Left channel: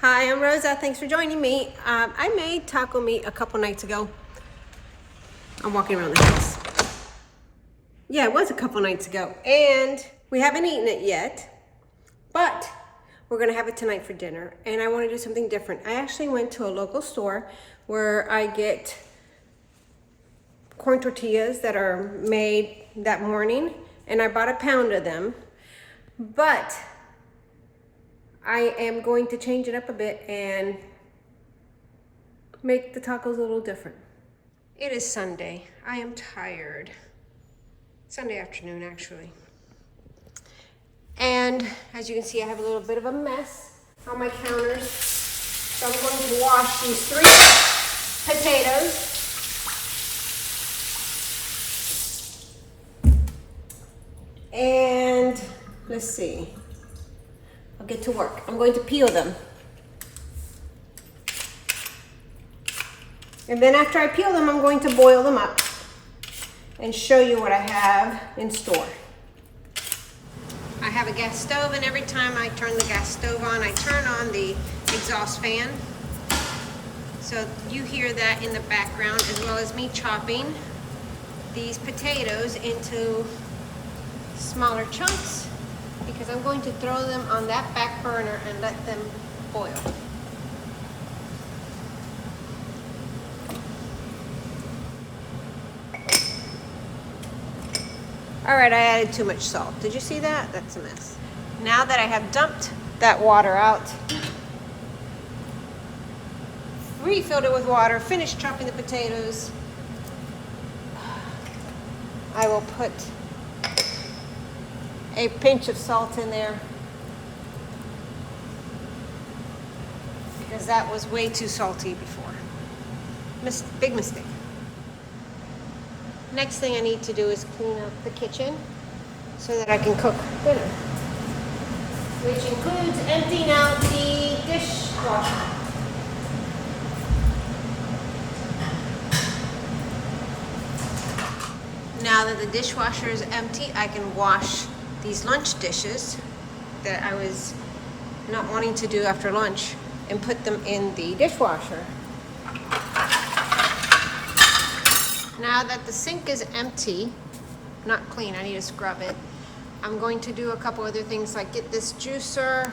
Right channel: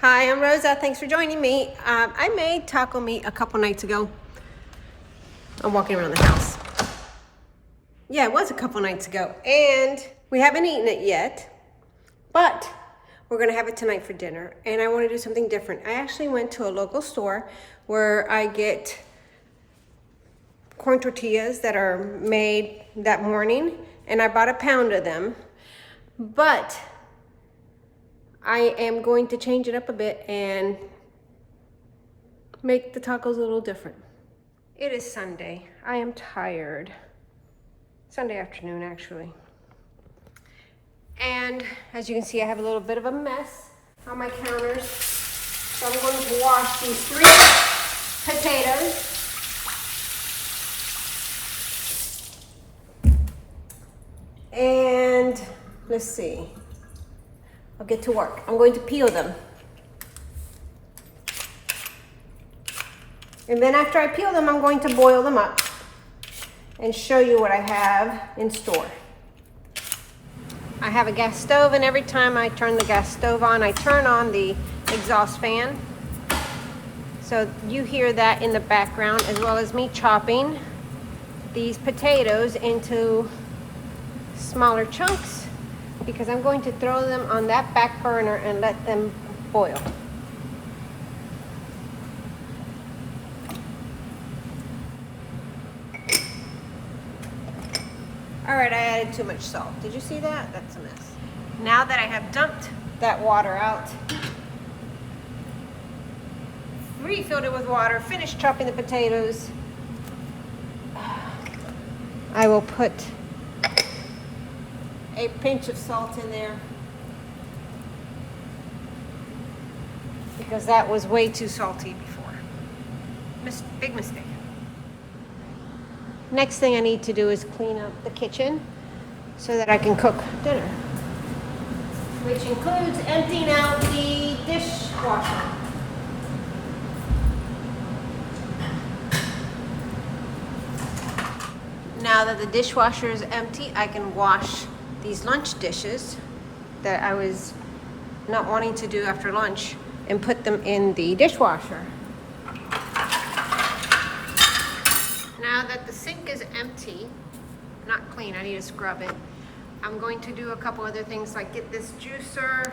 Hi, I'm Rosa. Thanks for joining me. I made taco meat a couple nights ago. I'm walking around the house. Yeah, it was a couple nights ago. And we haven't eaten it yet, but we're gonna have it tonight for dinner. And I wanna do something different. I actually went to a local store where I get corn tortillas that are made that morning, and I bought a pound of them. But I am going to change it up a bit and make the tacos a little different. It is Sunday. I am tired. Sunday afternoon, actually. And as you can see, I have a little bit of a mess on my counters. So I'm going to wash these 3 potatoes. And let's see. I'll get to work. I'm going to peel them. And then after I peel them, I'm going to boil them up and show you what I have in store. I have a gas stove, and every time I turn the gas stove on, I turn on the exhaust fan. So you hear that in the background, as well as me chopping these potatoes into smaller chunks, because I'm going to throw them on that back burner and let them boil. All right, I added too much salt. Did you see that? That's a mess. Now that I have dumped that water out, refilled it with water, finished chopping the potatoes, I will put a pinch of salt in there, because that was way too salty before. Big mistake. Next thing I need to do is clean up the kitchen so that I can cook dinner, which includes emptying out the dishwasher. Now that the dishwasher is empty, I can wash these lunch dishes that I was not wanting to do after lunch and put them in the dishwasher. Now that the sink is empty, not clean, I need to scrub it, I'm going to do a couple other things, like get this juicer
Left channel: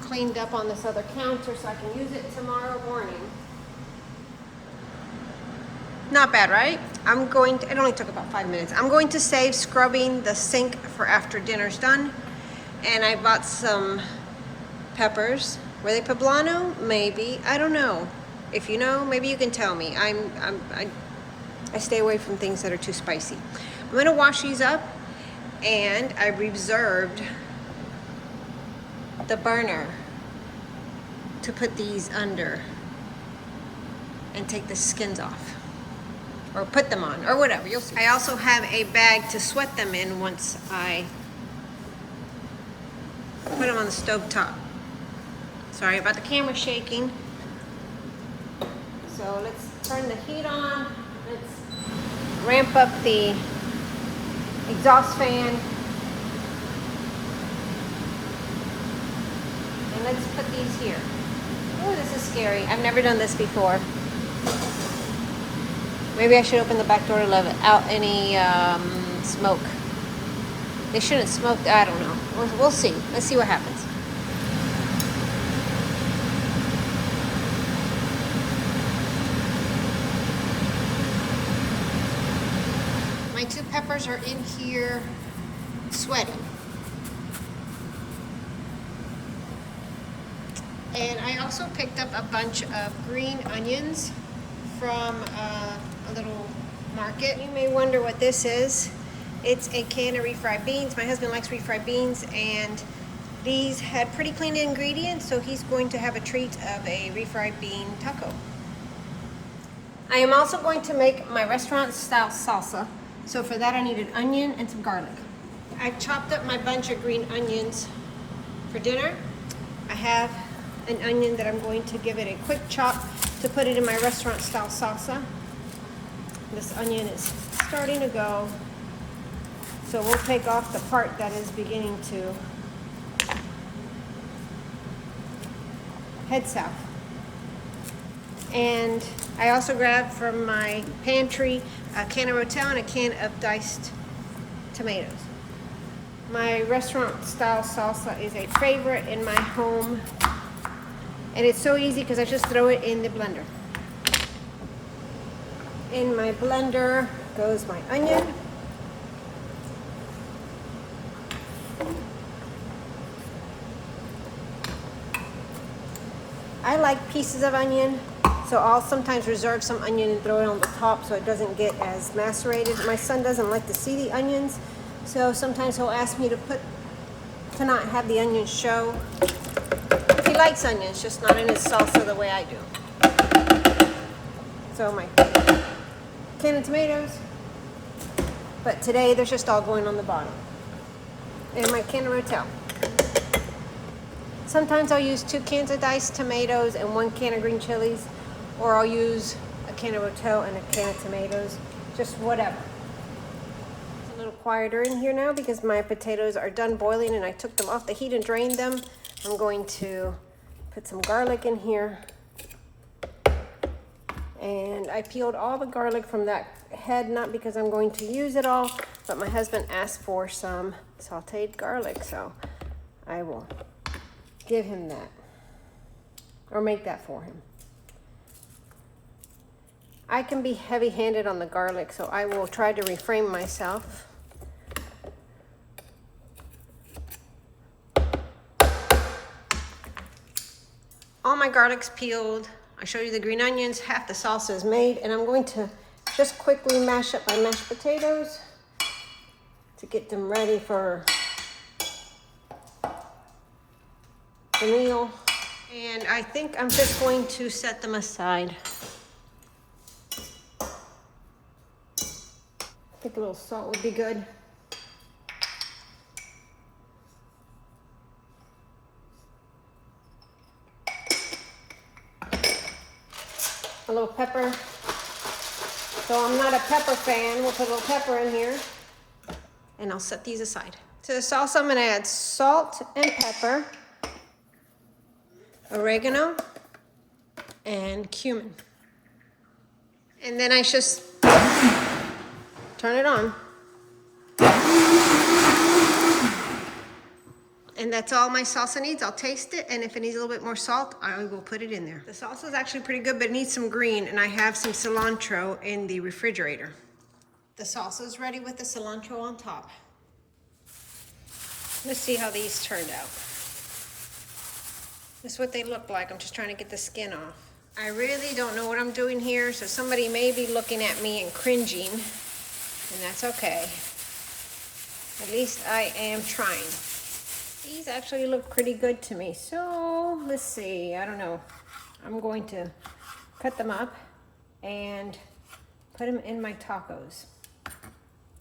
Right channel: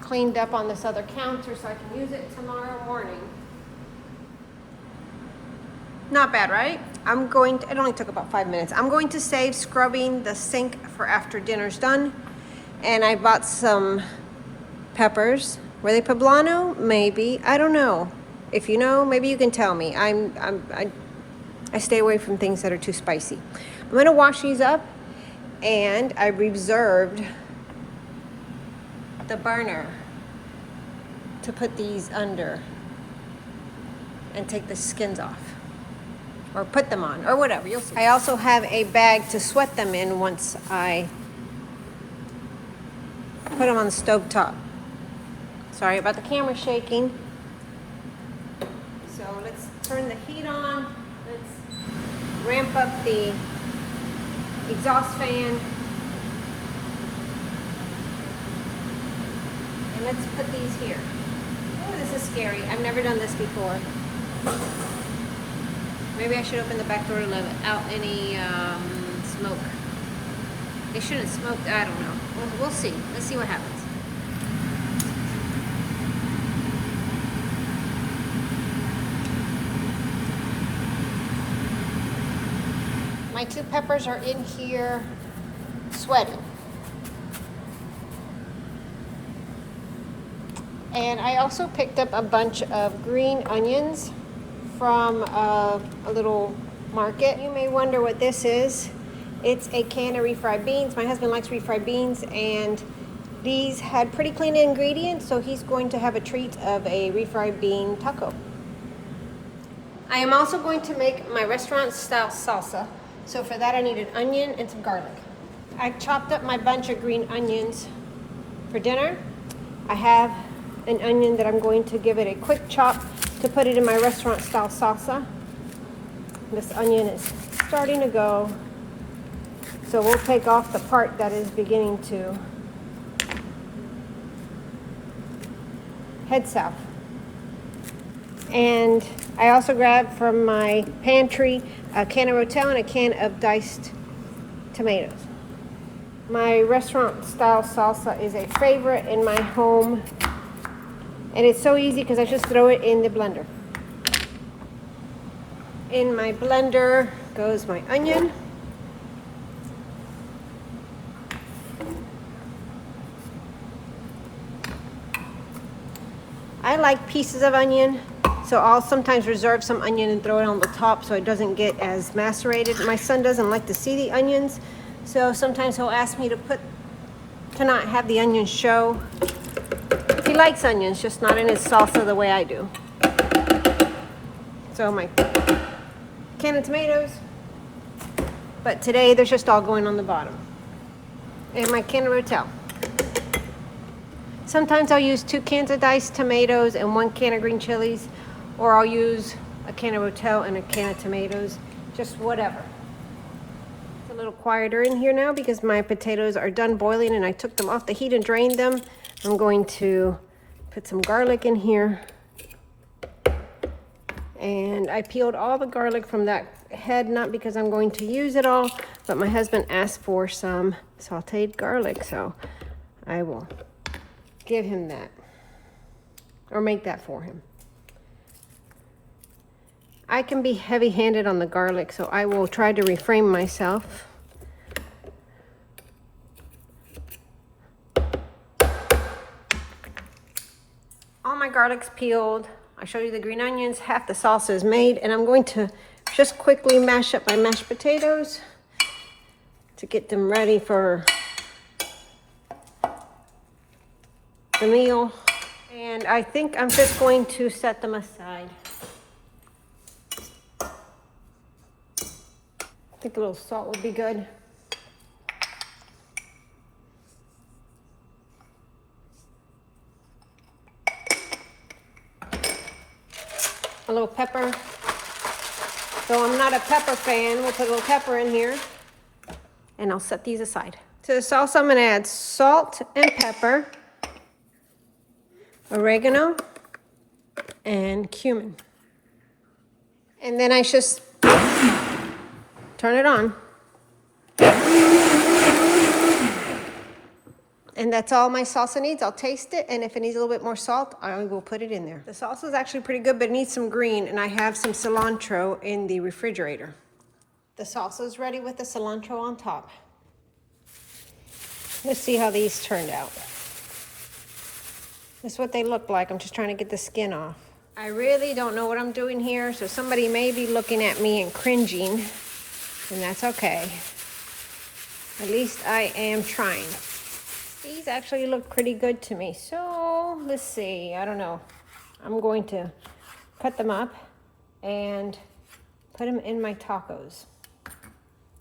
cleaned up on this other counter so I can use it tomorrow morning. Not bad, right? It only took about 5 minutes. I'm going to save scrubbing the sink for after dinner's done. And I bought some peppers. Were they Poblano? Maybe. I don't know. If you know, maybe you can tell me. I stay away from things that are too spicy. I'm gonna wash these up, and I reserved the burner to put these under and take the skins off. Or put them on, or whatever, you'll see. I also have a bag to sweat them in once I put them on the stove top. Sorry about the camera shaking. So let's turn the heat on. Let's ramp up the exhaust fan. And let's put these here. Oh, this is scary. I've never done this before. Maybe I should open the back door to let out any smoke. They shouldn't smoke. I don't know. We'll see. Let's see what happens. My 2 peppers are in here sweating. And I also picked up a bunch of green onions from a little market. You may wonder what this is. It's a can of refried beans. My husband likes refried beans, and these had pretty clean ingredients, so he's going to have a treat of a refried bean taco. I am also going to make my restaurant style salsa. So for that I need an onion and some garlic. I chopped up my bunch of green onions for dinner. I have an onion that I'm going to give it a quick chop to put it in my restaurant style salsa. This onion is starting to go, so we'll take off the part that is beginning to head south. And I also grabbed from my pantry a can of Rotel and a can of diced tomatoes. My restaurant style salsa is a favorite in my home, and it's so easy because I just throw it in the blender. In my blender goes my onion. I like pieces of onion, so I'll sometimes reserve some onion and throw it on the top so it doesn't get as macerated. My son doesn't like to see the onions, so sometimes he'll ask me to not have the onions show. He likes onions, just not in his salsa the way I do. So my can of tomatoes, but today they're just all going on the bottom. And my can of Rotel. Sometimes I'll use 2 cans of diced tomatoes and 1 can of green chilies, or I'll use a can of Rotel and a can of tomatoes, just whatever. It's a little quieter in here now because my potatoes are done boiling and I took them off the heat and drained them. I'm going to put some garlic in here. And I peeled all the garlic from that head, not because I'm going to use it all, but my husband asked for some sauteed garlic, so I will give him that, or make that for him. I can be heavy-handed on the garlic, so I will try to refrain myself. All my garlic's peeled. I showed you the green onions, half the salsa is made, and I'm going to just quickly mash up my mashed potatoes to get them ready for the meal. And I think I'm just going to set them aside. I think a little salt would be good. A little pepper. Though I'm not a pepper fan, we'll put a little pepper in here. And I'll set these aside. To the salsa, I'm gonna add salt and pepper, oregano, and cumin. And then I just turn it on. And that's all my salsa needs. I'll taste it, and if it needs a little bit more salt, I will put it in there. The salsa is actually pretty good, but it needs some green, and I have some cilantro in the refrigerator. The salsa is ready with the cilantro on top. Let's see how these turned out. This is what they look like. I'm just trying to get the skin off. I really don't know what I'm doing here, so somebody may be looking at me and cringing, and that's okay. At least I am trying. These actually look pretty good to me, so let's see. I don't know. I'm going to cut them up and put them in my tacos.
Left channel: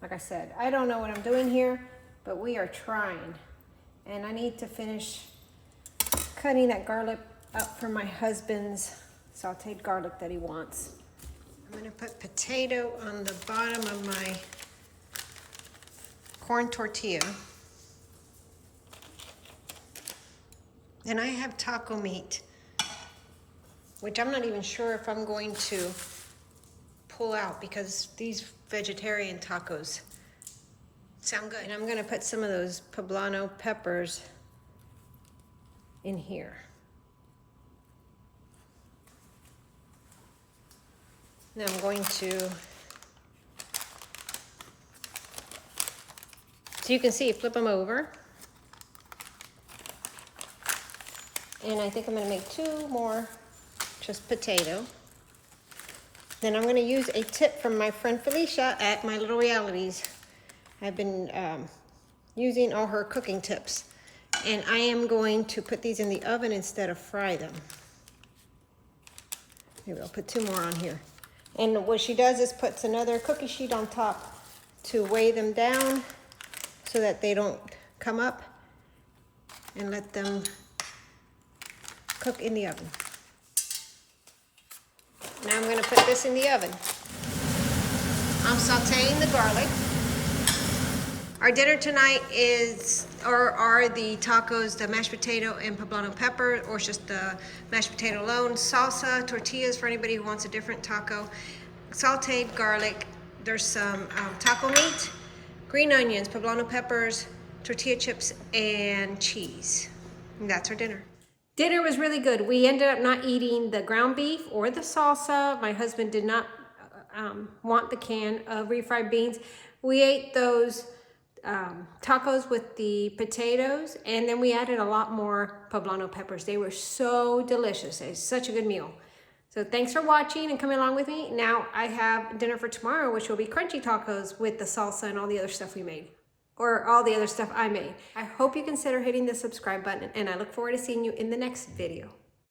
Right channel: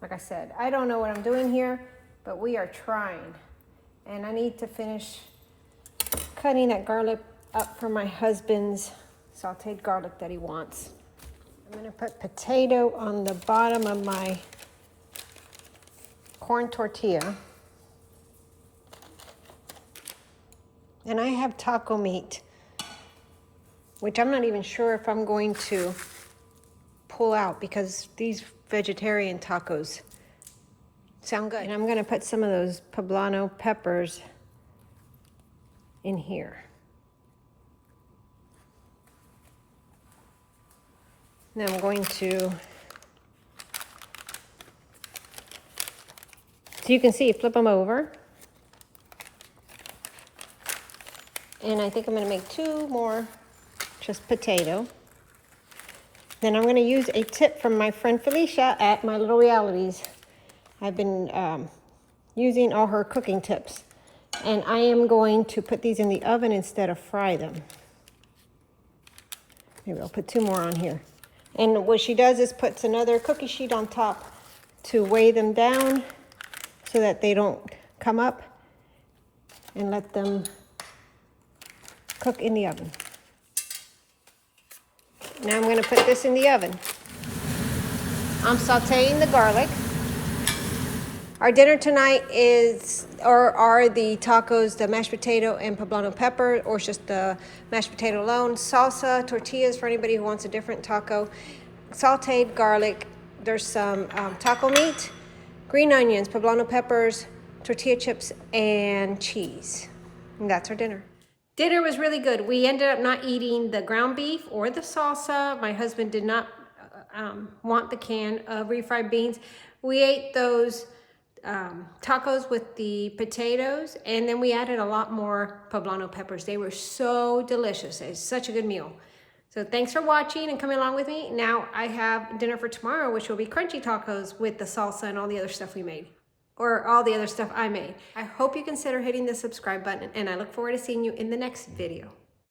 Like I said, I don't know what I'm doing here, but we are trying. And I need to finish cutting that garlic up for my husband's sauteed garlic that he wants. I'm gonna put potato on the bottom of my corn tortilla. And I have taco meat, which I'm not even sure if I'm going to pull out because these vegetarian tacos sound good. And I'm gonna put some of those Poblano peppers in here. Now I'm going to, so you can see, flip them over. And I think I'm gonna make 2 more, just potato. Then I'm gonna use a tip from my friend Felicia at My Little Realities. I've been using all her cooking tips. And I am going to put these in the oven instead of fry them. Maybe I'll put 2 more on here. And what she does is puts another cookie sheet on top to weigh them down so that they don't come up, and let them cook in the oven. Now I'm going to put this in the oven. I'm sauteing the garlic. Our dinner tonight is or are the tacos the mashed potato and poblano pepper, or just the mashed potato alone. Salsa, tortillas for anybody who wants a different taco. Sauteed garlic. There's some taco meat, green onions, poblano peppers, tortilla chips, and cheese. And that's our dinner. Dinner was really good. We ended up not eating the ground beef or the salsa. My husband did not want the can of refried beans. We ate those tacos with the potatoes, and then we added a lot more poblano peppers. They were so delicious. It's such a good meal. So thanks for watching and coming along with me. Now I have dinner for tomorrow, which will be crunchy tacos with the salsa and all the other stuff we made, or all the other stuff I made. I hope you consider hitting the subscribe button, and I look forward to seeing you in the next video.